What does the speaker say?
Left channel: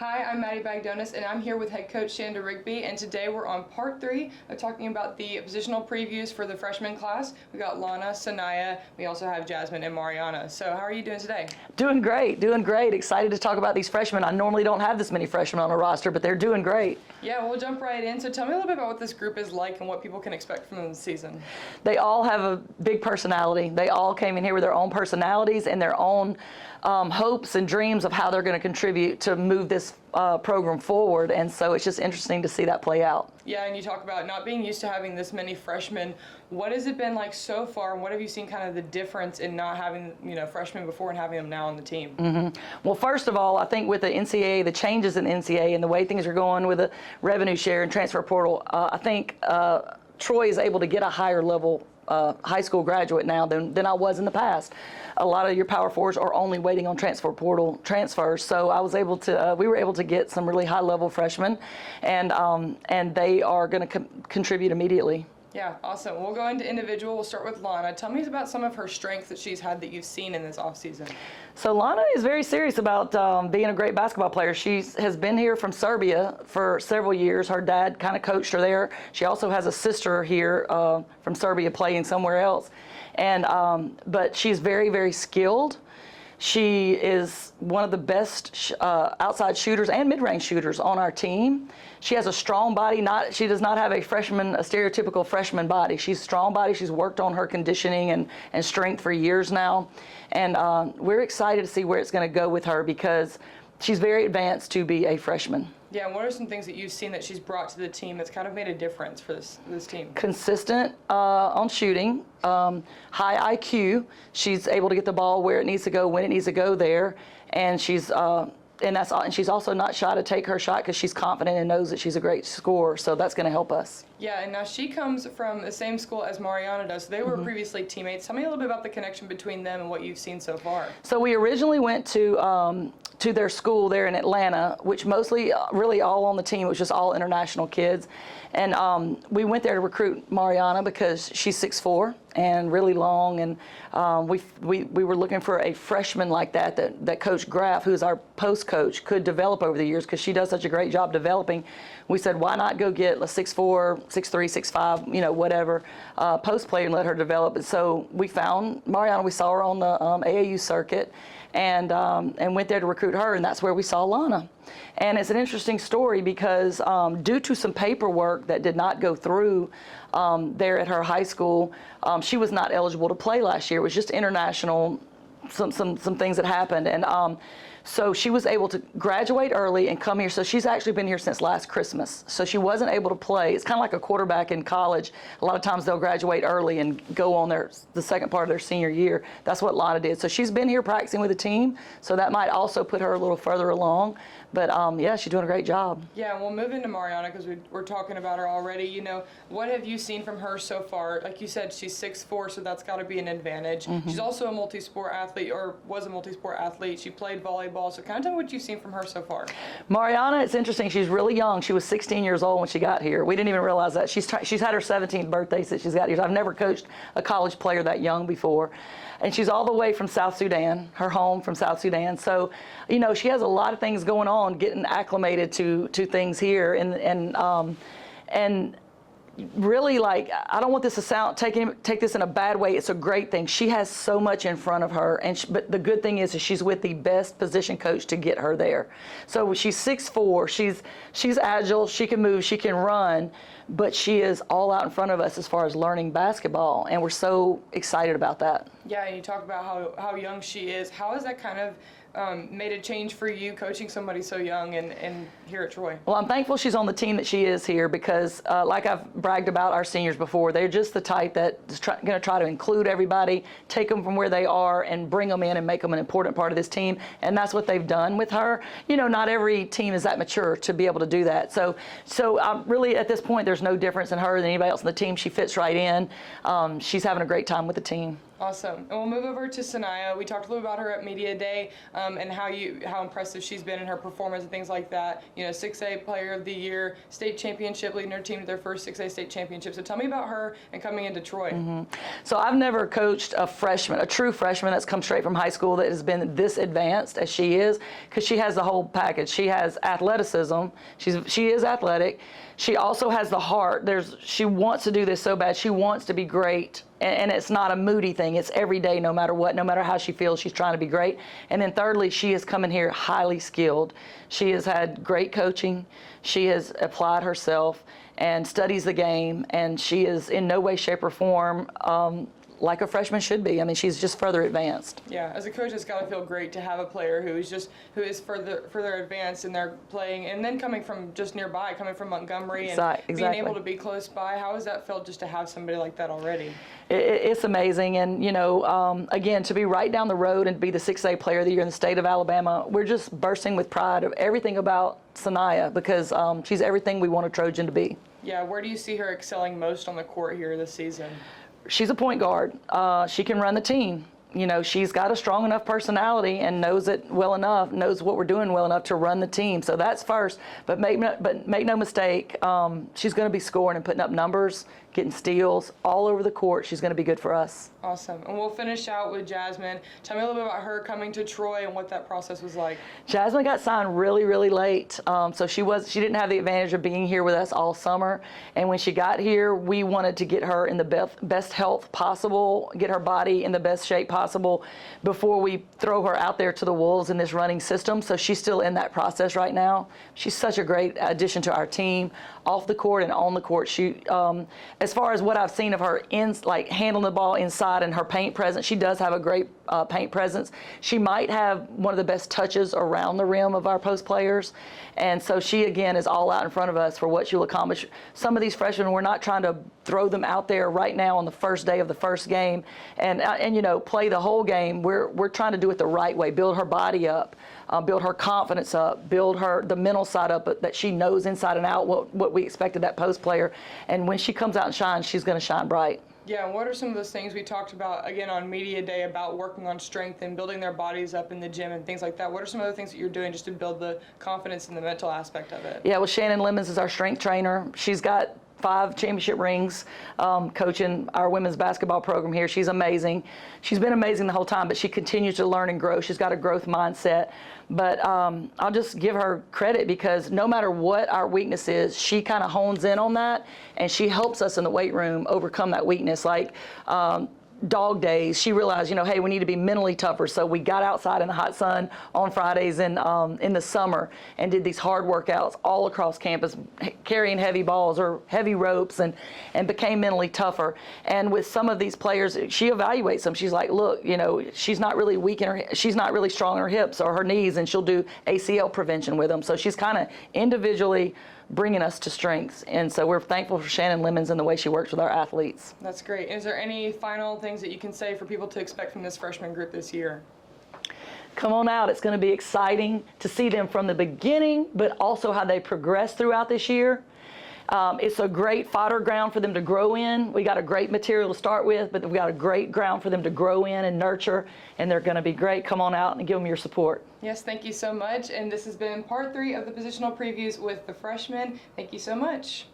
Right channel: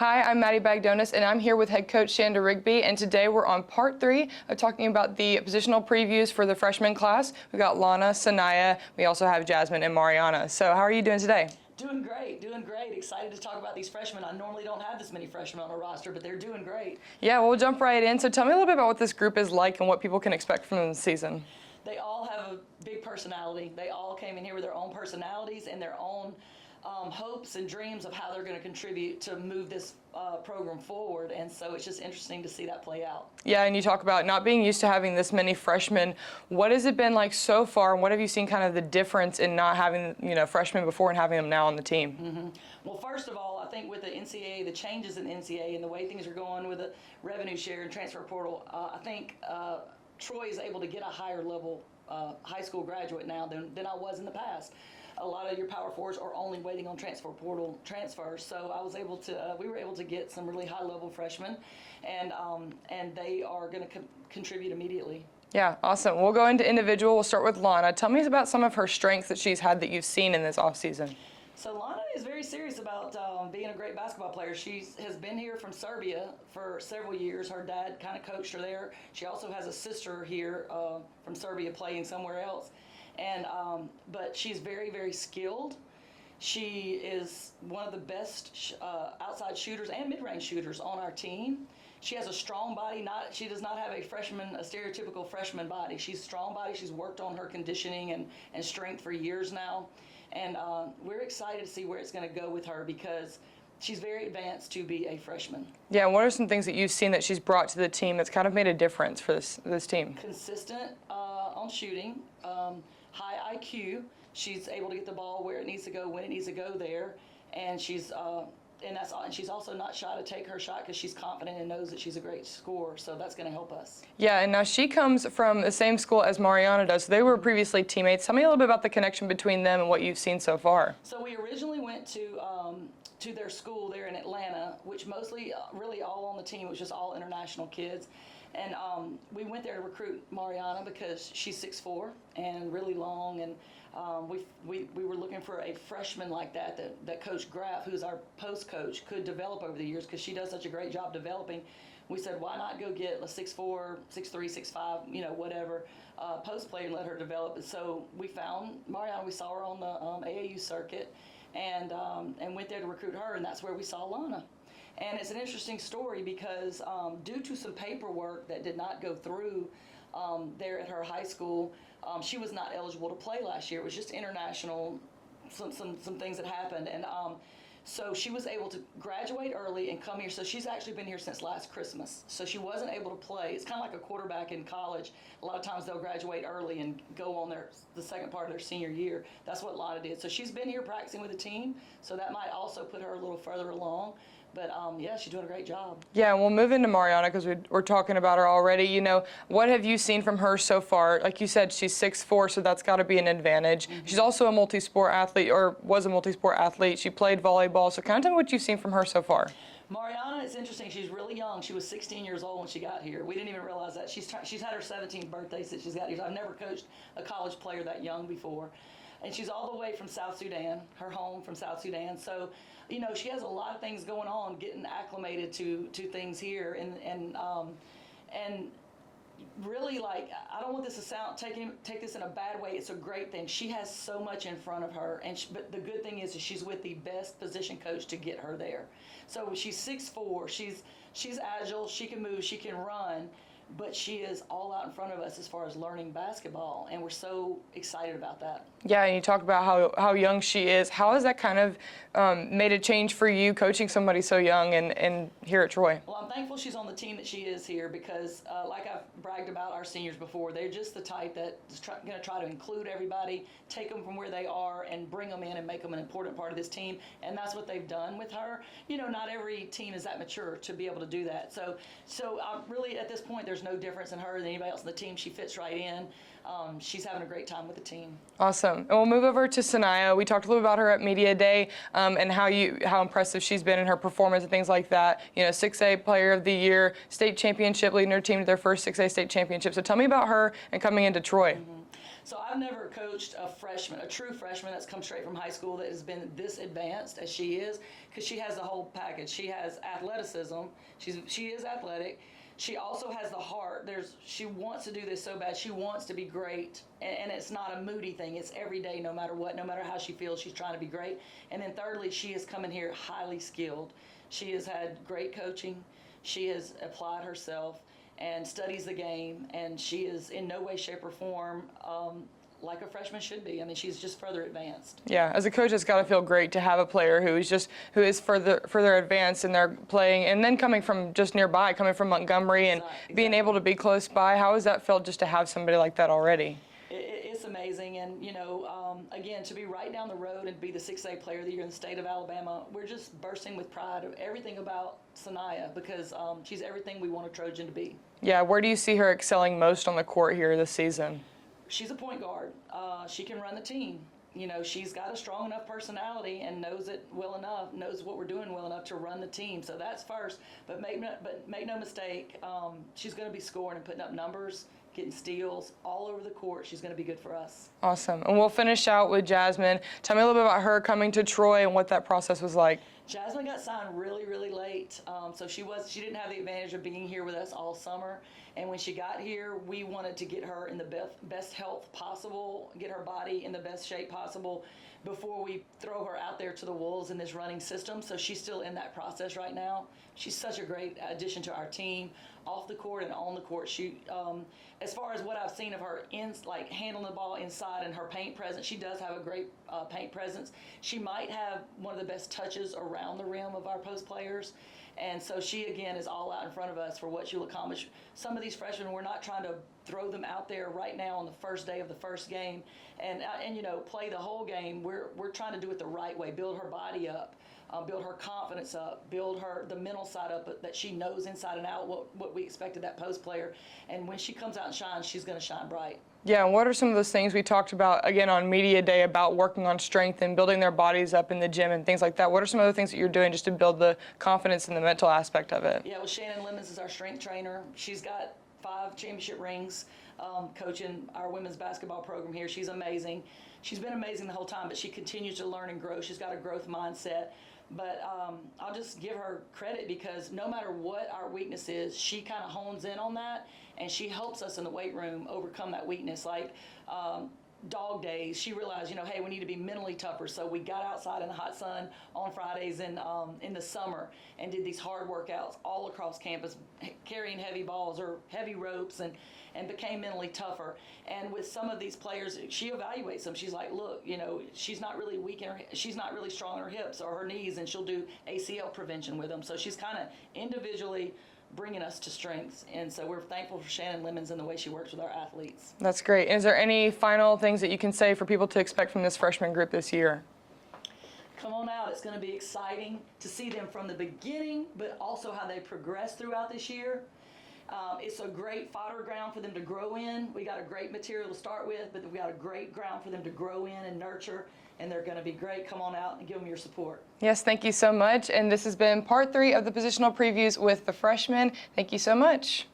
Hi, I'm Maddie Bagdonis, and I'm here with head coach Shanda Rigby, and today we're on part 3 of talking about the positional previews for the freshman class. We got Lana, Sanaya, we also have Jasmine and Mariana. So how are you doing today? Doing great, doing great. Excited to talk about these freshmen. I normally don't have this many freshmen on a roster, but they're doing great. Yeah, well, we'll jump right in. So tell me a little bit about what this group is like and what people can expect from them this season. They all have a big personality. They all came in here with their own personalities and their own hopes and dreams of how they're going to contribute to move this program forward, and so it's just interesting to see that play out. Yeah, and you talk about not being used to having this many freshmen. What has it been like so far, and what have you seen kind of the difference in not having, freshmen before and having them now on the team? Well, first of all, I think with the NCAA, the changes in the NCAA and the way things are going with the revenue share and transfer portal, I think Troy is able to get a higher level high school graduate now than I was in the past. A lot of your Power Fours are only waiting on transfer portal transfers, so I was able to. We were able to get some really high-level freshmen, and they are going to contribute immediately. Yeah, awesome. We'll go into individual. We'll start with Lana. Tell me about some of her strengths that she's had that you've seen in this offseason. So Lana is very serious about being a great basketball player. She has been here from Serbia for several years. Her dad kind of coached her there. She also has a sister here from Serbia playing somewhere else. And but she's very, very skilled. She is one of the best outside shooters and mid-range shooters on our team. She has a strong body. She does not have a stereotypical freshman body. She's a strong body. She's worked on her conditioning and strength for years now. And we're excited to see where it's going to go with her because she's very advanced to be a freshman. Yeah, and what are some things that you've seen that she's brought to the team that's kind of made a difference for this team? Consistent on shooting, high IQ. She's able to get the ball where it needs to go, when it needs to go there, and she's also not shy to take her shot because she's confident and knows that she's a great scorer. So that's going to help us. Yeah, and now she comes from the same school as Mariana does. So they were previously teammates. Tell me a little bit about the connection between them and what you've seen so far. So we originally went to their school there in Atlanta, which mostly, really all on the team, it was just all international kids. And we went there to recruit Mariana because she's 6'4" and really long, and we were looking for a freshman like that Coach Graff, who's our post coach, could develop over the years because she does such a great job developing. We said, why not go get a 6'4", 6'3", 6'5", whatever, post player and let her develop. And so we found Mariana. We saw her on the AAU circuit, and went there to recruit her, and that's where we saw Lana. And it's an interesting story because due to some paperwork that did not go through there at her high school, she was not eligible to play last year. It was just international, some things that happened, and so she was able to graduate early and come here. So she's actually been here since last Christmas. So she wasn't able to play. It's kind of like a quarterback in college. A lot of times they'll graduate early and go on the second part of their senior year. That's what Lana did. So she's been here practicing with the team. So that might also put her a little further along. But yeah, she's doing a great job. Yeah, and we'll move into Mariana because we're talking about her already. What have you seen from her so far? Like you said, she's 6'4", so that's got to be an advantage. She's also a multi-sport athlete, or was a multi-sport athlete. She played volleyball. So kind of tell me what you've seen from her so far. Mariana, it's interesting. She's really young. She was 16 years old when she got here. We didn't even realize that. She's had her 17th birthday since she's got here. I've never coached a college player that young before. And she's all the way from South Sudan, her home from South Sudan. So, she has a lot of things going on, getting acclimated to things here, and really, like, I don't want this to take this in a bad way. It's a great thing. She has so much in front of her, but the good thing is she's with the best position coach to get her there. So she's 6'4", she's agile, she can move, she can run, but she is all out in front of us as far as learning basketball, and we're so excited about that. Yeah, and you talk about how young she is. How has that kind of made a change for you coaching somebody so young and here at Troy? Well, I'm thankful she's on the team that she is here because, like I've bragged about our seniors before, they're just the type that's going to try to include everybody, take them from where they are, and bring them in and make them an important part of this team. And that's what they've done with her. Not every team is that mature to be able to do that. So really, at this point, there's no difference in her than anybody else on the team. She fits right in. She's having a great time with the team. Awesome. And we'll move over to Sanaya. We talked a little about her at Media Day. and how impressive she's been in her performance and things like that. You know, 6A Player of the Year, state championship, leading her team to their first 6A state championship. So tell me about her and coming into Troy. So I've never coached a freshman, a true freshman that's come straight from high school that has been this advanced as she is, because she has the whole package. She has athleticism. She is athletic. She also has the heart. She wants to do this so bad. She wants to be great, and it's not a moody thing. It's every day, no matter what, no matter how she feels, she's trying to be great. And then thirdly, she has come in here highly skilled. She has had great coaching. She has applied herself and studies the game, and she is in no way, shape, or form like a freshman should be. I mean, she's just further advanced. Yeah, as a coach, it's got to feel great to have a player who is further advanced in their playing, and then coming from just nearby, coming from Montgomery, and Exactly. being able to be close by. How has that felt just to have somebody like that already? It's amazing, and you know, again, to be right down the road and be the 6A Player of the Year in the state of Alabama, we're just bursting with pride of everything about Sanaya, because she's everything we want a Trojan to be. Yeah, where do you see her excelling most on the court here this season? She's a point guard. She can run the team. You know, she's got a strong enough personality and knows it well enough, knows what we're doing well enough to run the team. So that's first. But make no mistake, she's going to be scoring and putting up numbers, getting steals all over the court. She's going to be good for us. Awesome. And we'll finish out with Jasmine. Tell me a little bit about her coming to Troy and what that process was like. Jasmine got signed really, really late. So she didn't have the advantage of being here with us all summer. And when she got here, we wanted to get her in the best health possible, get her body in the best shape possible before we throw her out there to the wolves in this running system. So she's still in that process right now. She's such a great addition to our team, off the court and on the court. She, as far as what I've seen of her handling the ball inside and her paint presence, she does have a great paint presence. She might have one of the best touches around the rim of our post players. And so she, again, is all out in front of us for what she'll accomplish. Some of these freshmen, we're not trying to throw them out there right now on the first day of the first game and you know, play the whole game. We're trying to do it the right way, build her body up, build her confidence up, build the mental side up, that she knows inside and out what we expect of that post player. And when she comes out and shines, she's going to shine bright. Yeah, and what are some of those things we talked about, again, on Media Day about working on strength and building their bodies up in the gym and things like that? What are some of the things that you're doing just to build the confidence and the mental aspect of it? Yeah, well, Shannon Lemons is our strength trainer. She's got 5 championship rings coaching our women's basketball program here. She's amazing. She's been amazing the whole time, but she continues to learn and grow. She's got a growth mindset. But I'll just give her credit, because no matter what our weakness is, she kind of hones in on that, and she helps us in the weight room overcome that weakness. Like dog days, she realized, you know, hey, we need to be mentally tougher. So we got outside in the hot sun on Fridays in the summer and did these hard workouts all across campus, carrying heavy balls or heavy ropes, and became mentally tougher. And with some of these players, she evaluates them. She's like, look, you know, she's not really weak in she's not really strong in her hips or her knees, and she'll do ACL prevention with them. So she's kind of individually bringing us to strengths. And so we're thankful for Shannon Lemons and the way she works with our athletes. That's great. Is there any final things that you can say for people to expect from this freshman group this year? Come on out. It's going to be exciting to see them from the beginning, but also how they progress throughout this year. It's a great fodder ground for them to grow in. We got a great material to start with, but we got a great ground for them to grow in and nurture, and they're going to be great. Come on out and give them your support. Yes, thank you so much. And this has been part 3 of the positional previews with the freshmen. Thank you so much.